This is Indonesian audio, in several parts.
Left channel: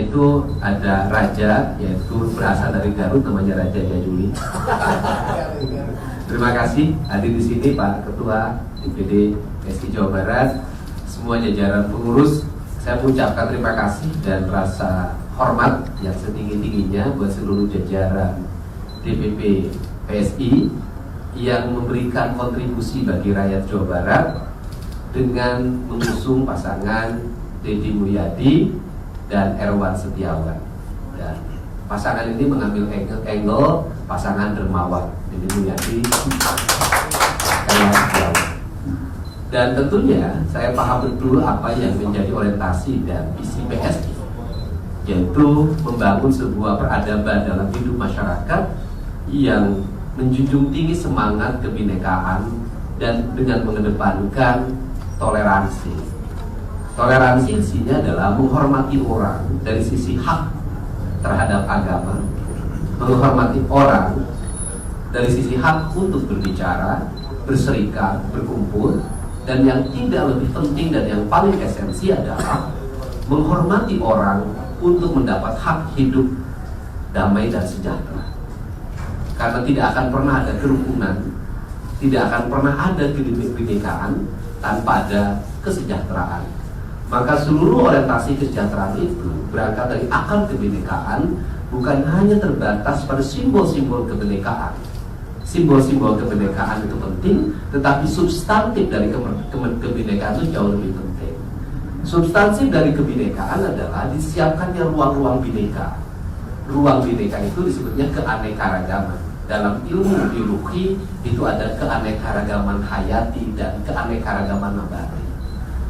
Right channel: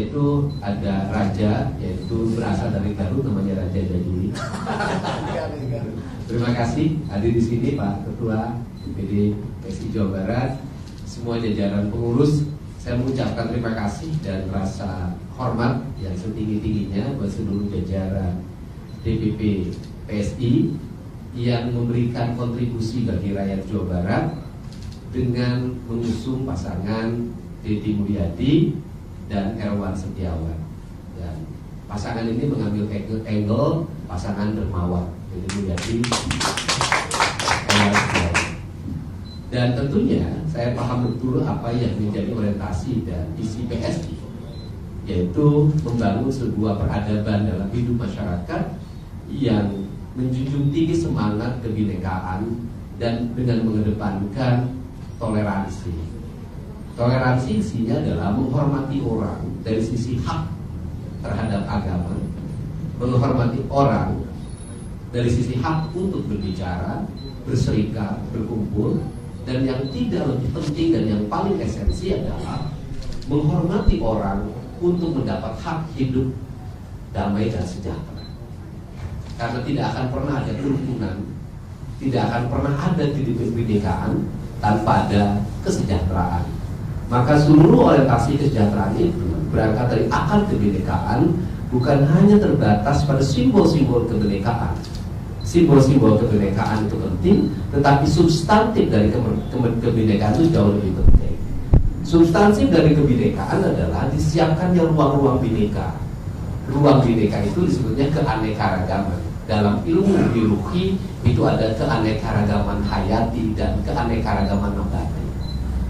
yaitu ada raja, yaitu berasal dari Garut, namanya Raja Jajuli. Terima kasih hadir di sini Pak Ketua DPD PSI Jawa Barat, semua jajaran pengurus. Saya mengucapkan terima kasih dan rasa hormat yang setinggi-tingginya buat seluruh jajaran DPP PSI yang memberikan kontribusi bagi rakyat Jawa Barat dengan mengusung pasangan Deddy Mulyadi dan Erwan Setiawan. Dan pasangan ini mengambil angle pasangan dermawan, Deddy Mulyadi, Erwan Setiawan. Dan tentunya saya paham betul apa yang menjadi orientasi dan visi PSI, yaitu membangun sebuah peradaban dalam hidup masyarakat yang menjunjung tinggi semangat kebinekaan dan dengan mengedepankan toleransi. Toleransi isinya adalah menghormati orang dari sisi hak terhadap agama, menghormati orang dari sisi hak untuk berbicara, berserikat, berkumpul, dan yang tidak lebih penting dan yang paling esensi adalah menghormati orang untuk mendapat hak hidup damai dan sejahtera. Karena tidak akan pernah ada kerukunan, tidak akan pernah ada kebinekaan tanpa ada kesejahteraan. Maka seluruh orientasi kesejahteraan itu berangkat dari akar kebinekaan, bukan hanya terbatas pada simbol-simbol kebinekaan. Simbol-simbol kebinekaan itu penting, tetapi substantif dari kebinekaan itu jauh lebih penting. Substansi dari kebinekaan adalah disiapkannya ruang-ruang bineka. Ruang bineka itu disebutnya keanekaragaman. Dalam ilmu biologi itu ada keanekaragaman hayati dan keanekaragaman nabati.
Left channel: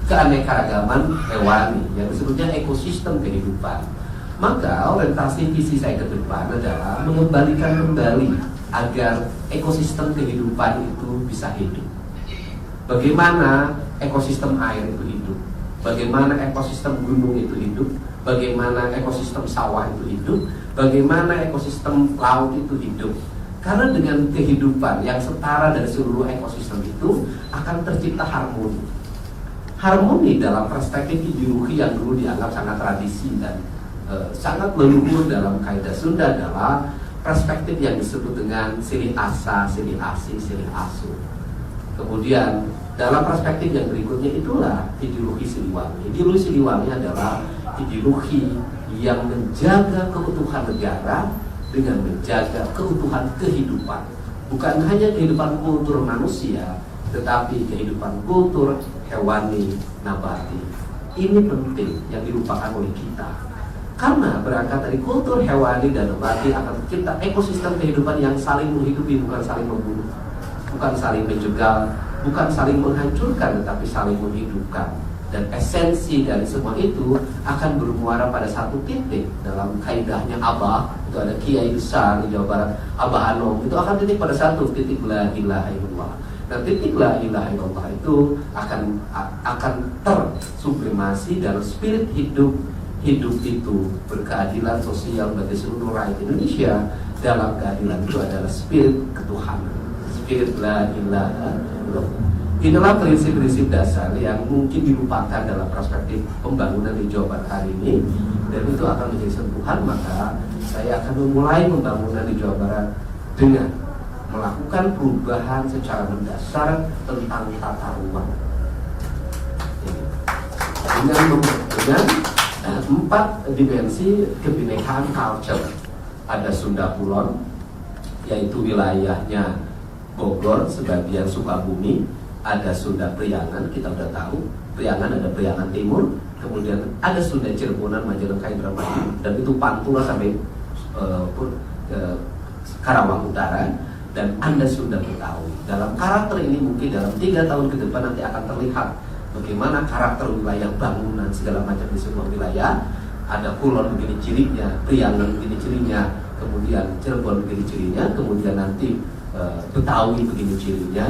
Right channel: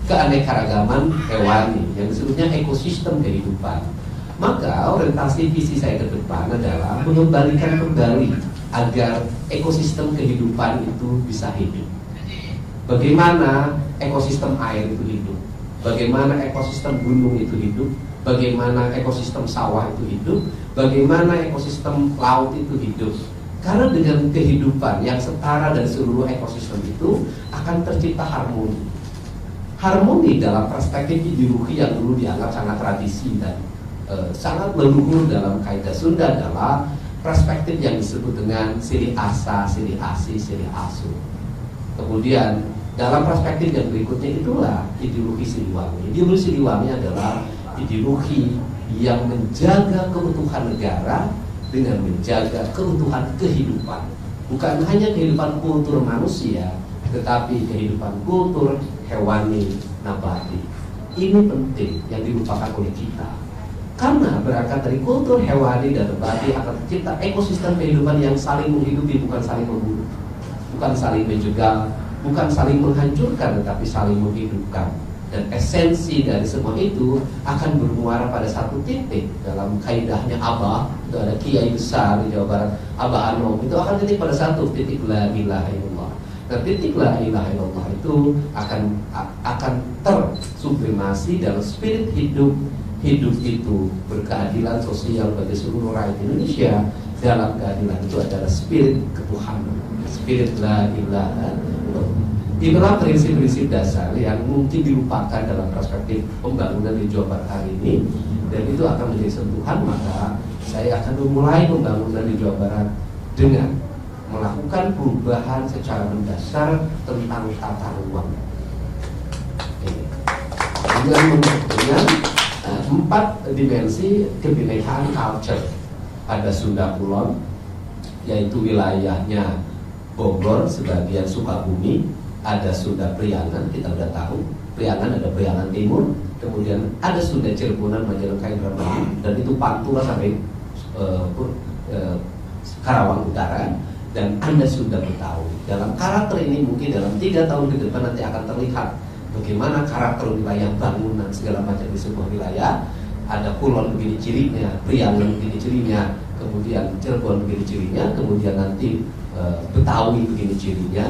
Keanekaragaman hewani yang disebutnya ekosistem kehidupan. Maka orientasi visi saya ke depan adalah mengembalikan kembali agar ekosistem kehidupan itu bisa hidup. Bagaimana ekosistem air itu hidup, bagaimana ekosistem gunung itu hidup, bagaimana ekosistem sawah itu hidup, bagaimana ekosistem laut itu hidup. Karena dengan kehidupan yang setara dan seluruh ekosistem itu akan tercipta harmoni. Harmoni dalam perspektif ideologi yang dulu dianggap sangat tradisi dan sangat leluhur dalam kaidah Sunda adalah perspektif yang disebut dengan silih asa, silih asi, silih asu. Kemudian dalam perspektif yang berikutnya itulah ideologi Siliwangi. Ideologi Siliwangi adalah ideologi yang menjaga keutuhan negara dengan menjaga keutuhan kehidupan. Bukan hanya kehidupan kultur manusia, tetapi kehidupan kultur hewani, nabati. Ini penting yang dilupakan oleh kita. Karena berangkat dari kultur hewani dan nabati akan tercipta ekosistem kehidupan yang saling menghidupi, bukan saling membunuh, bukan saling menjegal, bukan saling menghancurkan, tetapi saling menghidupkan. Dan esensi dari semua itu akan bermuara pada satu titik. Dalam kaidahnya Abah, itu ada kiai besar di Jawa Barat, Abah Anom, itu akan titik pada satu titik la ilaha illallah. Dan titik la ilaha illallah itu akan tersublimasi dalam spirit hidup itu berkeadilan sosial bagi seluruh rakyat Indonesia. Dalam keadilan itu adalah spirit ketuhanan, spirit la ilaha illallah. Inilah prinsip-prinsip dasar yang mungkin dilupakan dalam perspektif pembangunan di Jawa Barat hari ini, dan itu akan menjadi sentuhan. Maka saya akan memulai pembangunan di Jawa Barat dengan melakukan perubahan secara mendasar tentang tata ruang dengan 4 dimensi kebinekaan culture. Ada Sunda Kulon, yaitu wilayahnya Bogor, sebagian Sukabumi. Ada Sunda Priangan, kita sudah tahu. Priangan ada Priangan Timur, kemudian ada Sunda Cirebonan, Majalengka, Indramayu, dan itu Pantura sampai Karawang Utara, dan ada Sunda Betawi. Dalam karakter ini mungkin dalam 3 tahun ke depan nanti akan terlihat bagaimana karakter wilayah bangunan segala macam di sebuah wilayah. Ada Kulon begini cirinya, Priangan begini cirinya, kemudian Cirebon begini cirinya, kemudian nanti Betawi begini cirinya.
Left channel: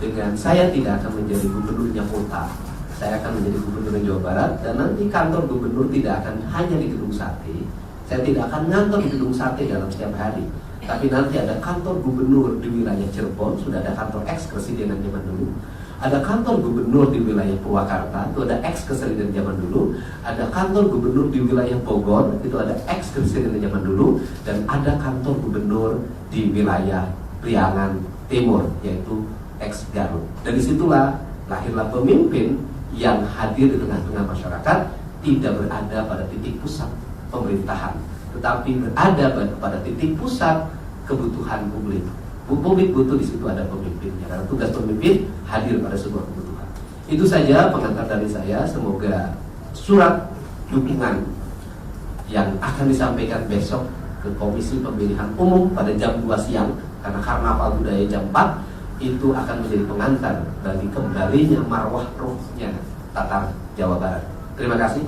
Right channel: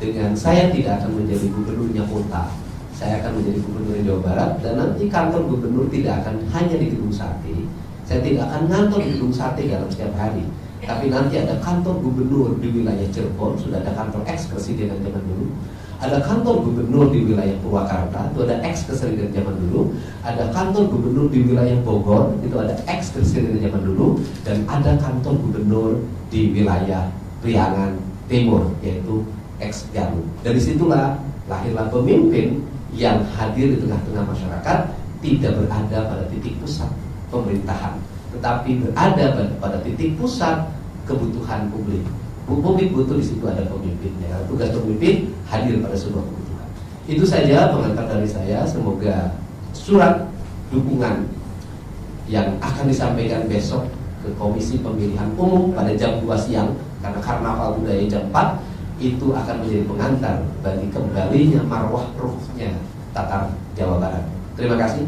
Dengan saya tidak akan menjadi gubernurnya kota, saya akan menjadi gubernur Jawa Barat, dan nanti kantor gubernur tidak akan hanya di Gedung Sate. Saya tidak akan ngantor di Gedung Sate dalam setiap hari, tapi nanti ada kantor gubernur di wilayah Cirebon. Sudah ada kantor eks presiden zaman dulu, Ada kantor gubernur di wilayah Purwakarta, itu ada ex keseringan zaman dulu. Ada kantor gubernur di wilayah Bogor, itu ada ex keseringan zaman dulu. Dan ada kantor gubernur di wilayah Priangan Timur, yaitu ex Garut. Dan disitulah lahirlah pemimpin yang hadir di tengah-tengah masyarakat, tidak berada pada titik pusat pemerintahan, tetapi berada pada titik pusat kebutuhan publik. Publik butuh, di situ ada pemimpinnya. Karena tugas pemimpin hadir pada sebuah kebutuhan. Itu saja pengantar dari saya. Semoga surat dukungan yang akan disampaikan besok ke Komisi Pemilihan Umum pada jam 2 siang, karena karnaval budaya jam 4, itu akan menjadi pengantar bagi kembalinya marwah ruhnya Tatar Jawa Barat. Terima kasih.